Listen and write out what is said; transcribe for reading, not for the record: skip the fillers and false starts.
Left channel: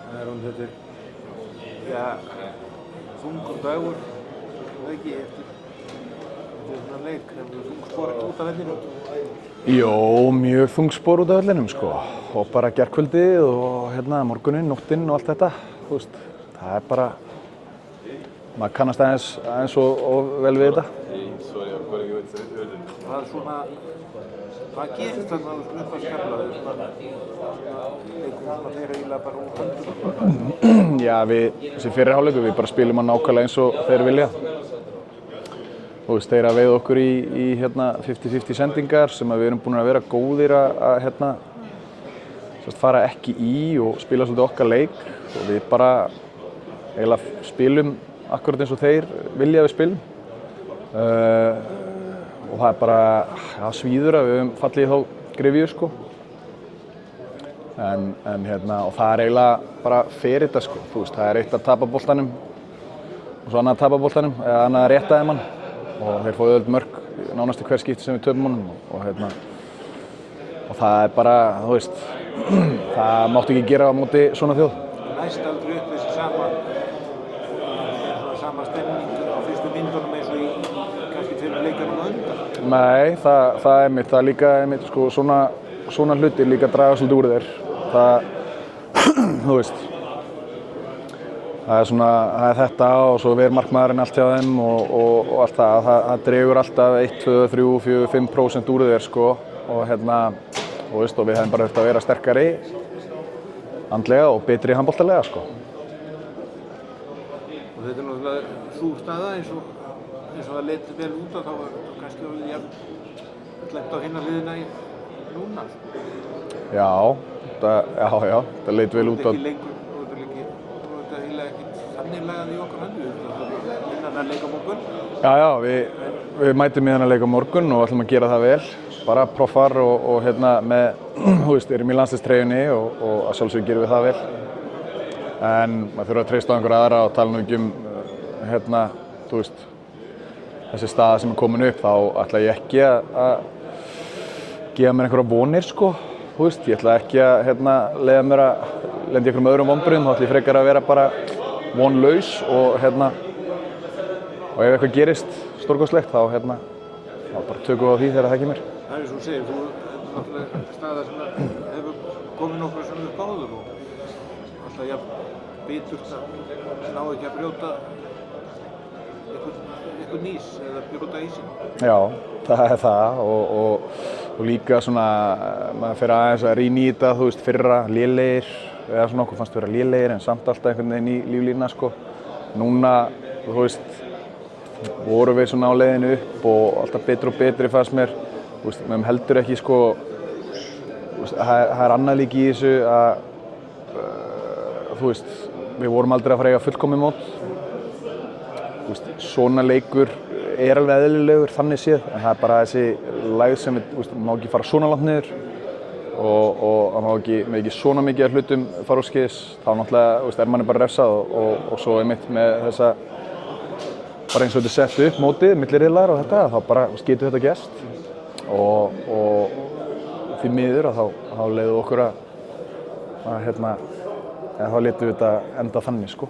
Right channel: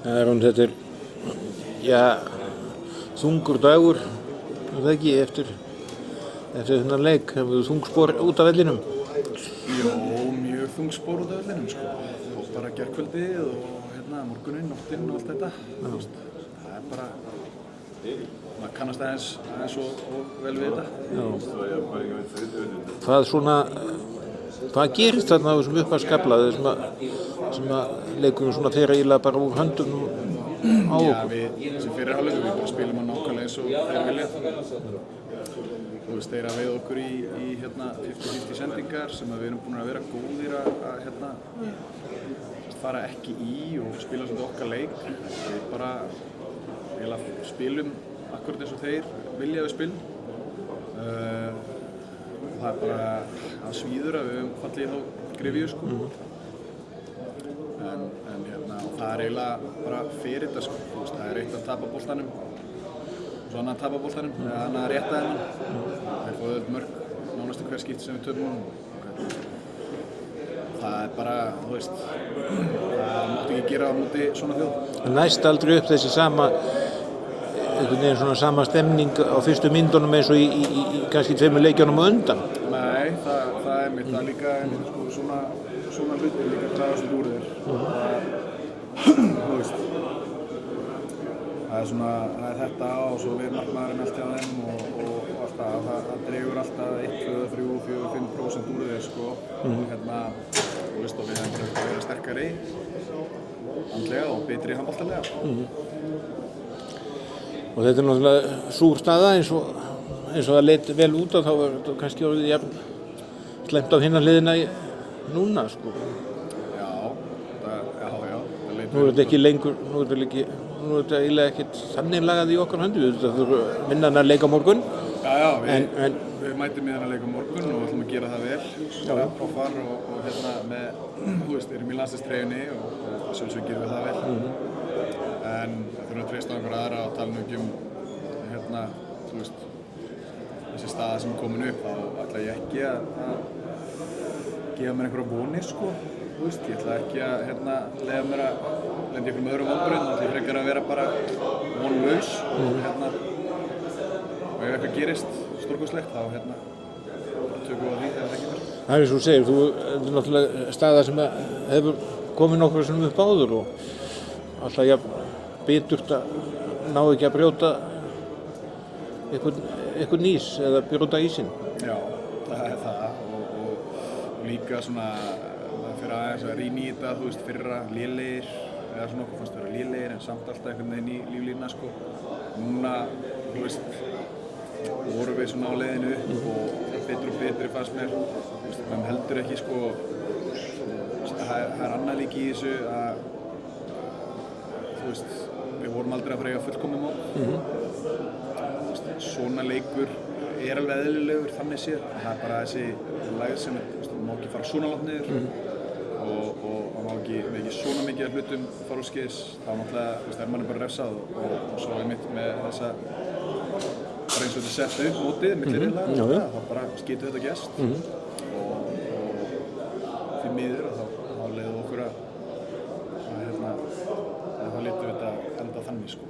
Þetta þungur dagur, það ekki, eftir þennan leik. Hefur þú þungspor út af vellinum? Jó, mjög þungspor út af vellinum, sko. Og bara gærkvöldið og morguninn, nóttinn og allt þetta. Þú veist, það bara, maður kannast aðeins og vel við þetta. Hvað gerist þarna á þessum upphafskafla, sem leikurinn svona fer eiginlega bara úr höndum? Já, þessi fyrri hálfleikur, við bara spilum hann nákvæmlega eins og þeir vilja. Þú veist, þeir veið okkur í 50-50 sendingar sem við erum búin að vera góðir að fara ekki í og spila svolítið okkar leik. Og við bara eiginlega spilum akkurat eins og þeir vilja við spilum. Og það bara svíður að við höfum fallið í þá gryfju, sko. Og það eiginlega bara fer þetta, sko. Þú veist, það eitt að tapa boltanum og svo annað að tapa boltanum, eða annað að rétta þeim hann. Og þeir fá auðvitað mörk nánast í hver skipti sem við töpum honum. Og það bara, þú veist, það mátti ekki gera á móti svona þjóð. Næst aldrei upp þessi sama stemning á fyrstu myndunum eins og í kannski 2 leikjunum á undan? Nei, það einmitt, það líka einmitt, sko, svona hlutir líka draga svolítið úr þér. Þú veist, það er þetta og svo ver markmaðurinn allt hjá þeim og allt það dregur alltaf 1, 2, 3, 4, 5% úr þér, sko. Og veist, og við hefum bara eftir að vera sterkari andlega og betri handboltalega, sko. Og þetta náttúrulega súr staða eins og það leit vel út og þá var þetta kannski orðið slemmt á hinna hliðina núna, sko. Já, það leit vel út. Nú er þetta eiginlega ekkert þannig lagað í okkar höndu. Þetta þurfa minna að leika á morgun. Já, við mætum í þennan leik á morgun og ætlum að gera það vel. Bara proffar og þú veist, erum í landsliðstreyjunni og að sjálfsögðu gerum við það vel. En maður þurfa að treysta á einhverja aðra og tala nú ekki þú veist, þessi staða sem er komin upp, þá ætla ég ekki að gefa mér einhverja vonir, sko. Þú veist, ég ætla ekki að leyfa mér að lenda í einhverjum öðrum vonbrigðum, þá ætla ég frekar að vera bara vonlaus og ef eitthvað gerist stórkostlegt, þá bara tökum við á því þegar það kemur. Það er eins og þú segir, þú er náttúrulega staða sem hefur komið nokkru sinnum upp áður og alltaf biturt að ná ekki að brjóta einhvern ís eða brjóta ísinn. Já, það er það og líka svona, maður fer aðeins að rýna í þetta, þú veist, fyrra lélegir eða svona okkur fannst vera lélegir en samt alltaf einhvern veginn í líflína, sko. Núna, þú veist, vorum við svona á leiðinu upp og alltaf betri og betri fannst mér. Þú veist, við heldur ekki, sko, það er annað líka í þessu að þú veist, við vorum aldrei að fara að eiga fullkomið mót. Þú veist, svona leikur er alveg eðlilegur þannig séð, en það er bara þessi lægð sem við má ekki fara svona langt niður og það má ekki svona mikið af hlutum fara úr skeiðis. Þá náttúrulega er manni bara refsað og svo einmitt með þessa bara eins og þetta sett upp mótið, milli riðlar og þetta, þá bara getur þetta gerst. Og því miður að þá leiðum okkur að þá létum við þetta enda þannig, sko.